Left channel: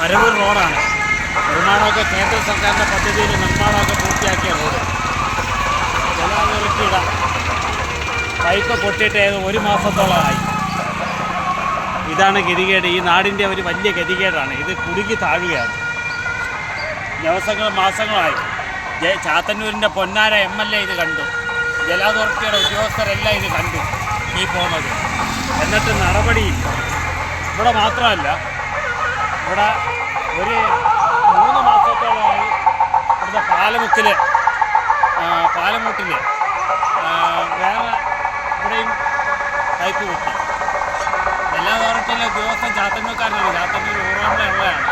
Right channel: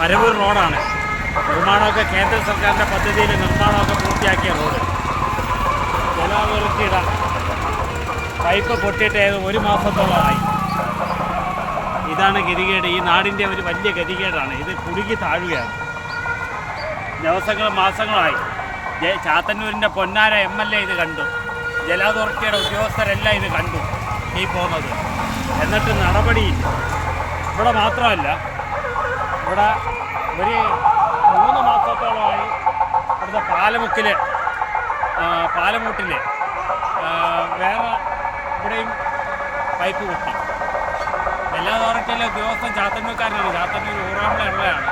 പരവൂർ റോഡാണ്. നിർമ്മാണമൊക്കെ കേന്ദ്ര സർക്കാരിന്റെ പദ്ധതിയിൽ നിർമ്മാണമൊക്കെ പൂർത്തിയാക്കിയ റോഡ്. ജലാതിർത്തിയുടെ പൈപ്പ് പൊട്ടിയിട്ട് ഒരു മാസത്തോളമായി. ഇതാണ് ഗതികേട്. ഈ നാടിന്റെ ഒരു വലിയ ഗതികേടാണ്. ഇത് കുടുക്കി താഴുകയാണ്. ദിവസങ്ങൾ മാസങ്ങളായി. ചാത്തന്നൂരിന്റെ പൊന്നാര എം എൽ എ ഇത് കണ്ടു. ജല ഉദ്യോഗസ്ഥരെല്ലാം ഇത് കണ്ടു. ഈ പോകുന്നത്. എന്നിട്ട് നടപടിയില്ല ഇവിടെ മാത്രമല്ല ഇവിടെ ഒരു മൂന്ന് മാസത്തോളമായി ഇവിടുത്തെ പാലമുക്കിൽ പാലമൂട്ടിൽ വേറെ ഇവിടെയും പൈപ്പ് പൊട്ടി എല്ലാ അതോറിറ്റിയിലെ ഉദ്യോഗസ്ഥൻ ചാത്തന്നൂർക്കാരനാണ്. ചാത്തന്നൂർ ഊറാമ്പള ഉള്ളതാണ്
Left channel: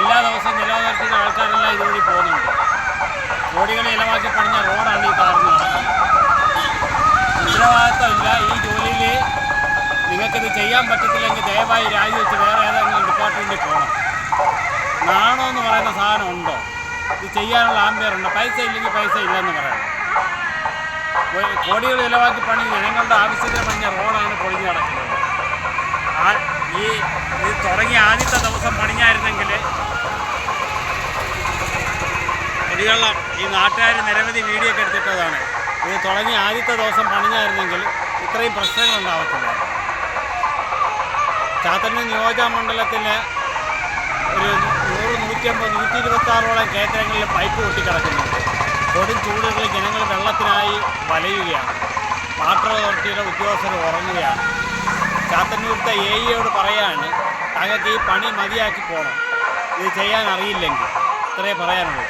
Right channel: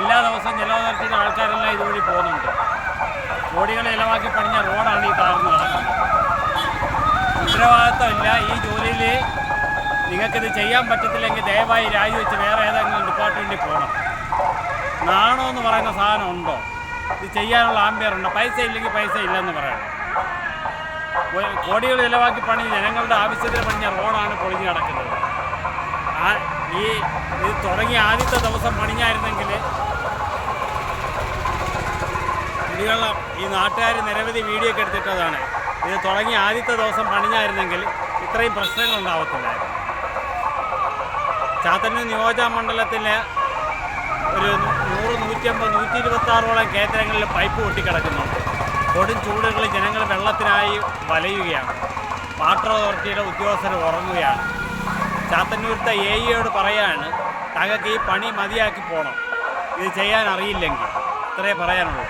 എല്ലാ ദിവസവും ജല അതോറിറ്റിയുടെ ആൾക്കാരെല്ലാം ഇതുവഴി പോകുന്നുണ്ട്. കോടികൾ ഇലവാക്കി പണിഞ്ഞ റോഡാണ് ഈ താർന്ന് നടക്കുന്നത്. ഉത്തരവാദിത്വം ഇല്ല ഈ ജോലിയിൽ നിങ്ങൾക്കിത് ചെയ്യാൻ പറ്റത്തില്ലെങ്കിൽ ദയവായി രാജിവെച്ച് വേറെ ഏതെങ്കിലും ഡിപ്പാർട്ട്മെന്റിൽ പോകണം നാണോ എന്ന് പറയുന്ന സാധനം ഉണ്ടോ? ഇത് ചെയ്യാനുള്ള ആംബിയർ ഉണ്ടോ? പൈസ ഇല്ലെങ്കിൽ പൈസ ഇല്ലെന്ന് പറയണം. കോടികൾ ചിലവാക്കി പണി ജനങ്ങളുടെ ആവശ്യത്തിന് പണിഞ്ഞ റോഡാണ് പൊളിഞ്ഞു കിടക്കുന്നത് ഈ ഇത് തുടങ്ങിയ ആദ്യത്തെ ദിവസം പണിഞ്ഞായിരുന്നെങ്കിൽ കുടിവെള്ളം ഈ നാട്ടുകാർ നിരവധി വീഡിയോ ഒക്കെ എടുത്തിട്ടതാണ്. ഇത് തുടങ്ങിയ ആദ്യത്തെ ദിവസം പണിഞ്ഞായിരുന്നെങ്കിൽ ഇത്രയും പ്രശ്നങ്ങൾ ചാത്തന്നൂർ നിയോജക മണ്ഡലത്തിലെ ഒരു നൂറ് നൂറ്റമ്പത് നൂറ്റി ഇരുപത്താറോളം കേന്ദ്രങ്ങളിൽ പൈപ്പ് പൊട്ടിക്കിടക്കുന്നുണ്ട്. കൊടും ചൂടുകളിൽ ജനങ്ങൾ വെള്ളത്തിനായി വലയുകയാണ്. വാട്ടർ അതോറിറ്റിയുടെ ഉദ്യോഗസ്ഥർ ഉറങ്ങുകയാണ്. ചാത്തന്നൂരത്തെ എ ഇയോട് പറയാണ് താങ്കൾക്ക് ഈ പണി മതിയാക്കി പോകണം ഇത് ചെയ്യാൻ അറിയില്ലെങ്കിൽ. ഇത്രയേ പറയാനുള്ളൂ.